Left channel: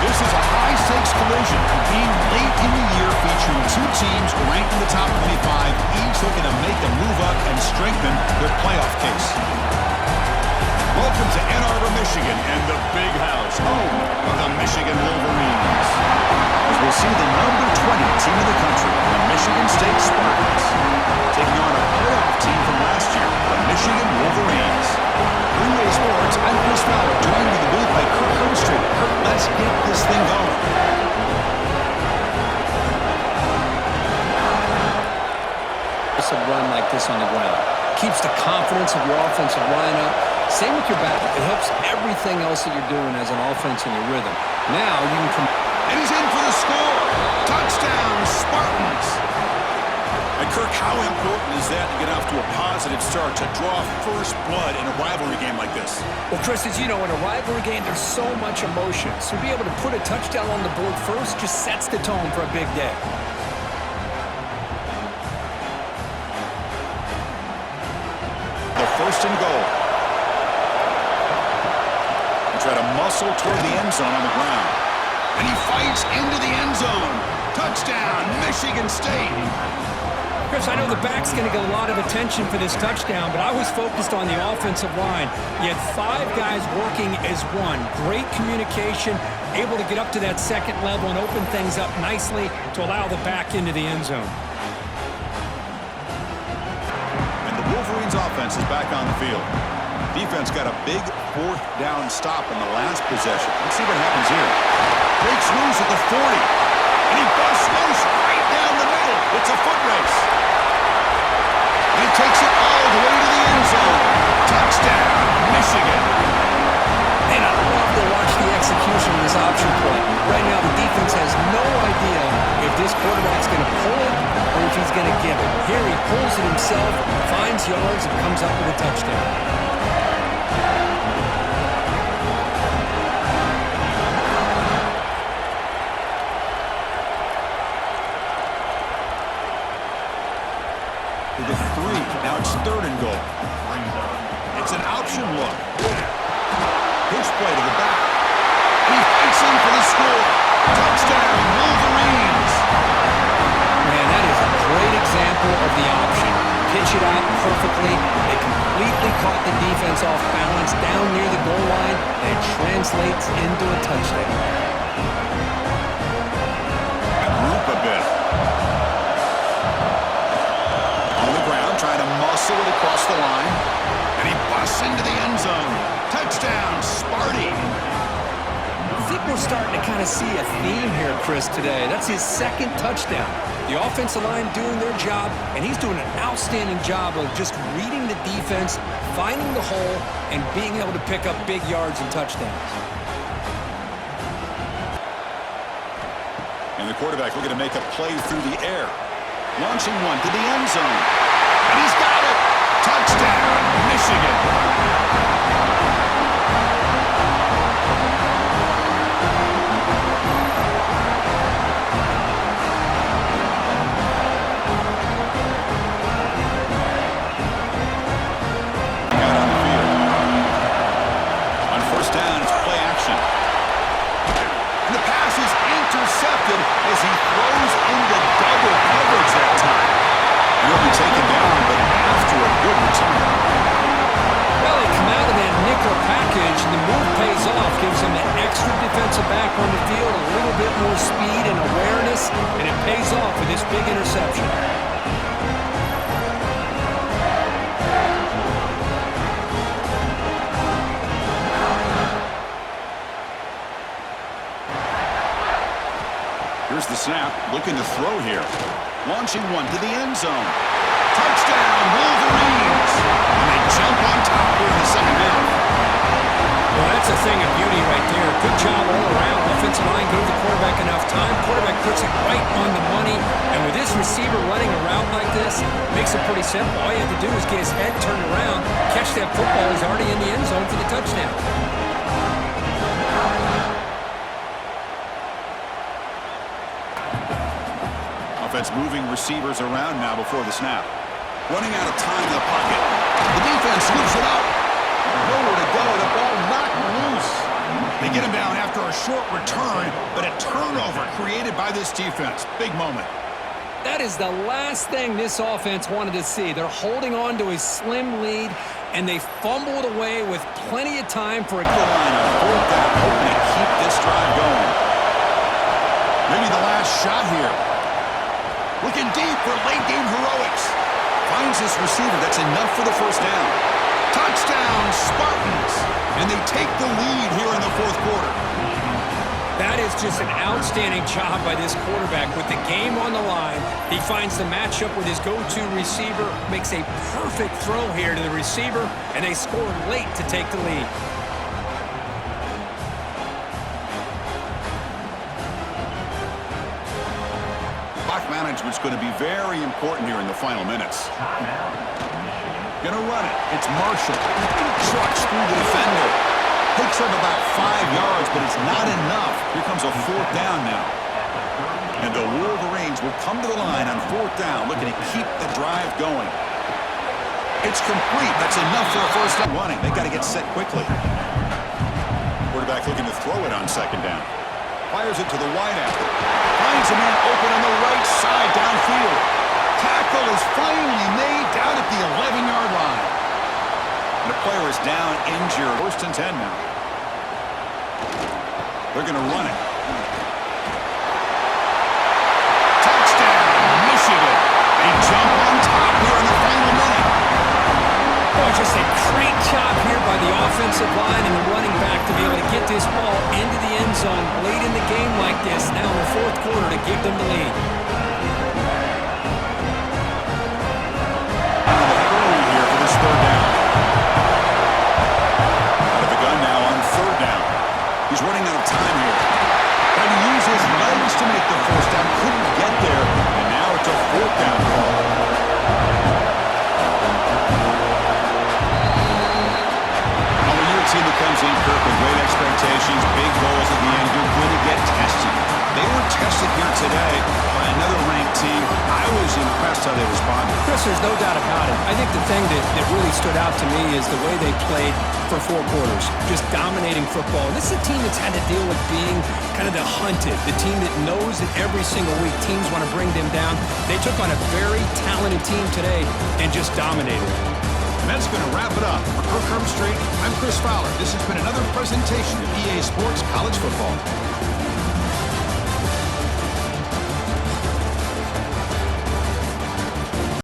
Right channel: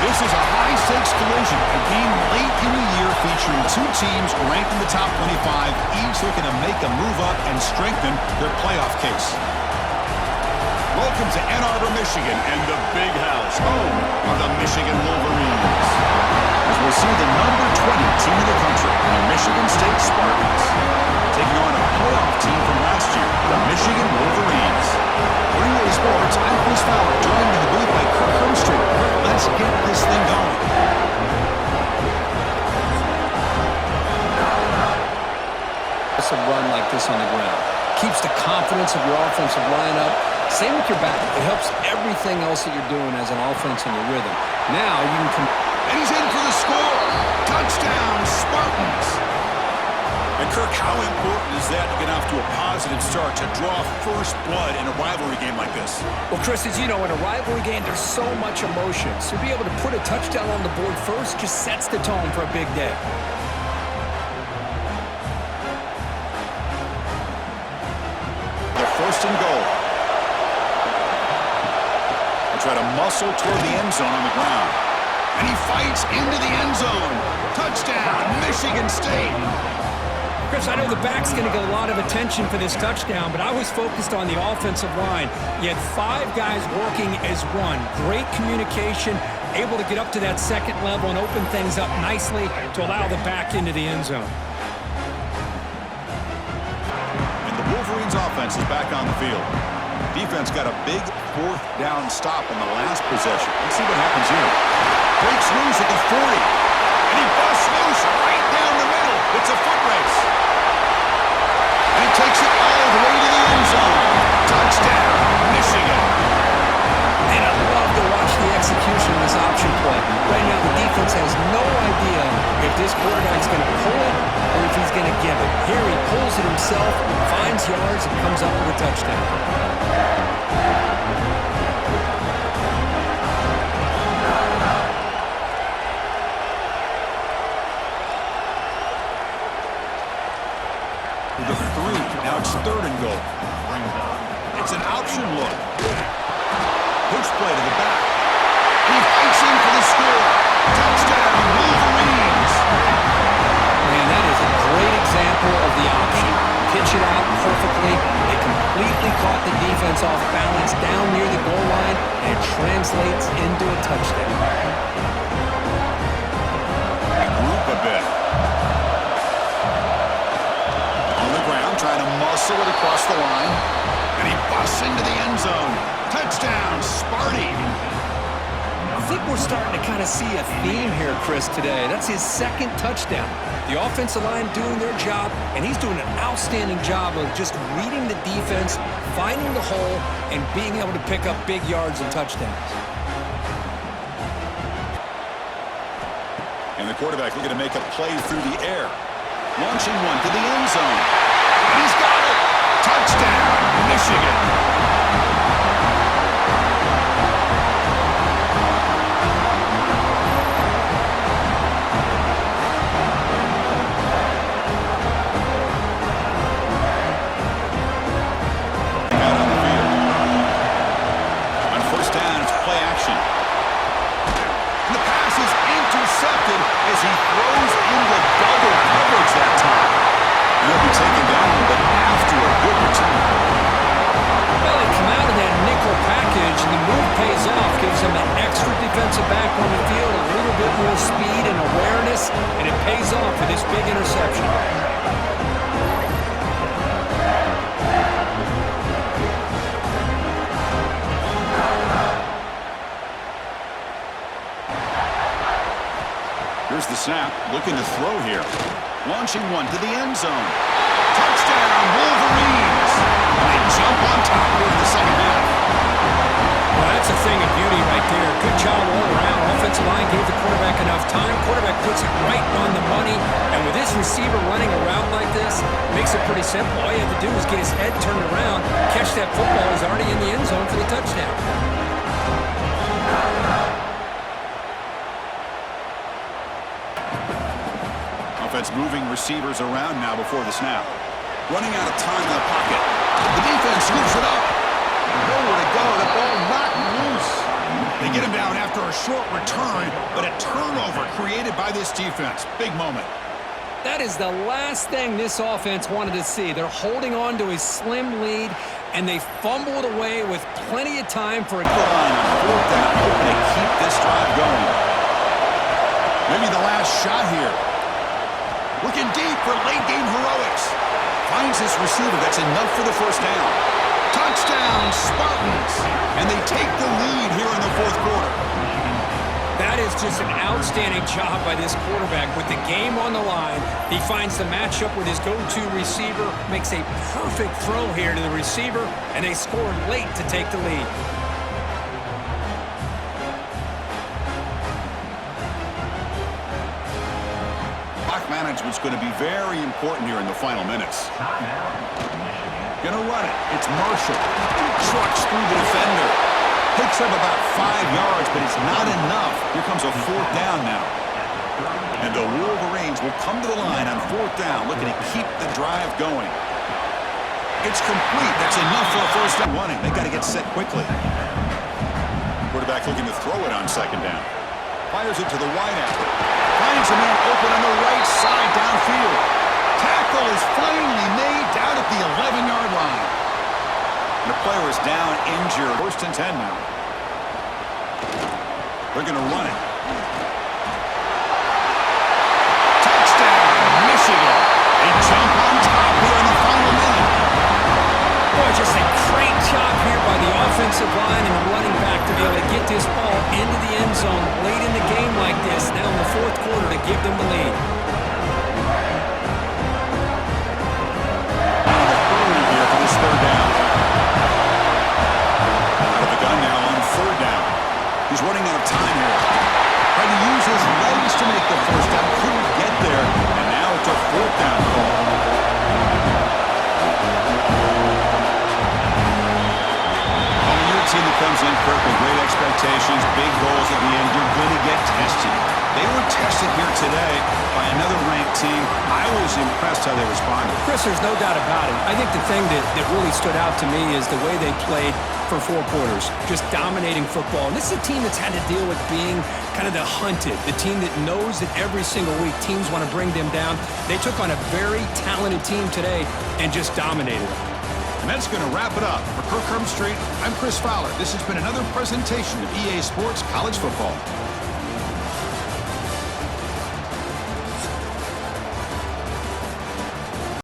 This is a high-stakes collision, a game late in the year featuring two teams ranked in the top 25, each looking to make a move up and strengthen their playoff case. Welcome to Ann Arbor, Michigan, and the Big House, home of the Michigan Wolverines. As we'll see the number 20 team in the country, the Michigan State Spartans, taking on a playoff team from last year, the Michigan Wolverines. Greenway Sports, I'm Chris Fowler, joined in the booth by Kirk Hermstreet. Kirk, let's get this thing going. A run like this on the ground keeps the confidence of your offensive lineup. Same with your back. It helps everything else that you're doing as an offense in your rhythm. Now you can come. And he's in for the score. Touchdown, Spartans. And Kirk, how important is that to get off to a positive start, to draw first blood in a rivalry game like this? Well, Chris, as you know, in a rivalry game, there's so much emotion. So to be able to put a touchdown on the board first just sets the tone for a big day. The first and goal. They try to muscle toward the end zone on the ground. And he fights into the end zone. Touchdown, Michigan State. Chris, I know the back's going to get a lot of attention for this touchdown, but I was focused on the offensive line. You had 5 guys working as one. Great communication, able to get up to that second level and open things up nicely to allow the back into the end zone. And the Wolverines offense is back on the field. Defense got a big 4th down stop in the last possession. Let's see what happens here. Breaks loose at the 40. And he busts loose right down the middle. It's a foot race. And he takes it all the way to the end zone. Touchdown, Michigan. And I love to watch the execution of this option play. Right now, the defense has no idea if this quarterback's going to pull it or if he's going to give it. Here he pulls it himself, finds yards, and comes up with a touchdown. The 3. Now it's 3rd and goal. It's an option look. Push play to the back. And he fights in for the score. Touchdown, Wolverines. Man, that is a great example of the option. Pitch it out perfectly. They completely caught the defense off balance down near the goal line, and it translates into a touchdown. Group a bit. Trying to muscle it across the line. And he busts into the end zone. Touchdown, Sparty. I think we're starting to kind of see a theme here, Chris, today. That's his 2nd touchdown. The offensive line doing their job, and he's doing an outstanding job of just reading the defense, finding the hole, and being able to pick up big yards and touchdowns. And the quarterback looking to make a play through the air. Launching one to the end zone. And he's got it! Touchdown, Michigan! Out on the field. On 1st down, it's play action. And the pass is intercepted as he throws into double coverage that time. He'll be taken down, but after a good return. Well, they come out of that nickel package, and the move pays off, gives them an extra defensive back on the field, a little bit more speed and awareness, and it pays off with this big interception. Here's the snap, looking to throw here. Launching one to the end zone. Touchdown, Wolverines! And they jump on top here in the second half. Well, that's a thing of beauty right there. Good job all around. Offensive line gave the quarterback enough time. Quarterback puts it right on the money. And with this receiver running a route like this, makes it pretty simple. All you have to do is get his head turned around, catch that football. He's already in the end zone for the touchdown. Offense moving receivers around now before the snap. Running out of time in the pocket. The defense scoops it up. Nowhere to go. The ball knocked loose. They get him down after a short return, but a turnover created by this defense. Big moment. That is the last thing this offense wanted to see. They're holding on to a slim lead, and they fumble it away with plenty of time for a goal line on fourth down, hoping to keep this drive going. Maybe the last shot here. Looking deep for late-game heroics. Finds this receiver. That's enough for the first down. Touchdown, Spartans! And they take the lead here in the fourth quarter. That is just an outstanding job by this quarterback. With the game on the line, he finds the matchup with his go-to receiver, makes a perfect throw here to the receiver, and they scored late to take the lead. Clock management's going to be very important here in the final minutes. Gonna run it. It's Marshall. Trucks through the defender. Picks up about 5 yards, but it's not enough. Here comes a fourth down now. And the Wolverines will come to the line on fourth down, looking to keep the drive going. It's complete. That's enough for a first down running. They got to get set quickly. Quarterback looking to throw it on second down. Fires it to the wideout. Finds a man open on the right side downfield. Tackle is finally made down at the 11-yard line. And the player is down, injured. First and 10 now. They're going to run it. Touchdown, Michigan. They jump on top here in the final minute. Boy, just a great job here by the offensive line and the running back to be able to get this ball into the end zone late in the game like this, now in the fourth quarter, to give them the lead. Out of the hurry here for this third down. Out of the gun now on third down. He's running out of time here. Trying to use his legs to make the first down. Couldn't get there, and now it's a fourth down call. Team that comes in, Kirk, with great expectations, big goals at the end, you're going to get tested. They were tested here today by another ranked team. I was impressed how they responded. Chris, there's no doubt about it. I think the thing that really stood out to me is the way they played for 4 quarters, just dominating football. And this is a team that's had to deal with being kind of the hunted, the team that knows that every single week teams want to bring them down. They took on a very talented team today and just dominated it. And that's going to wrap it up. For Kirk Street, I'm Chris Fowler. This has been another presentation of EA Sports College Football.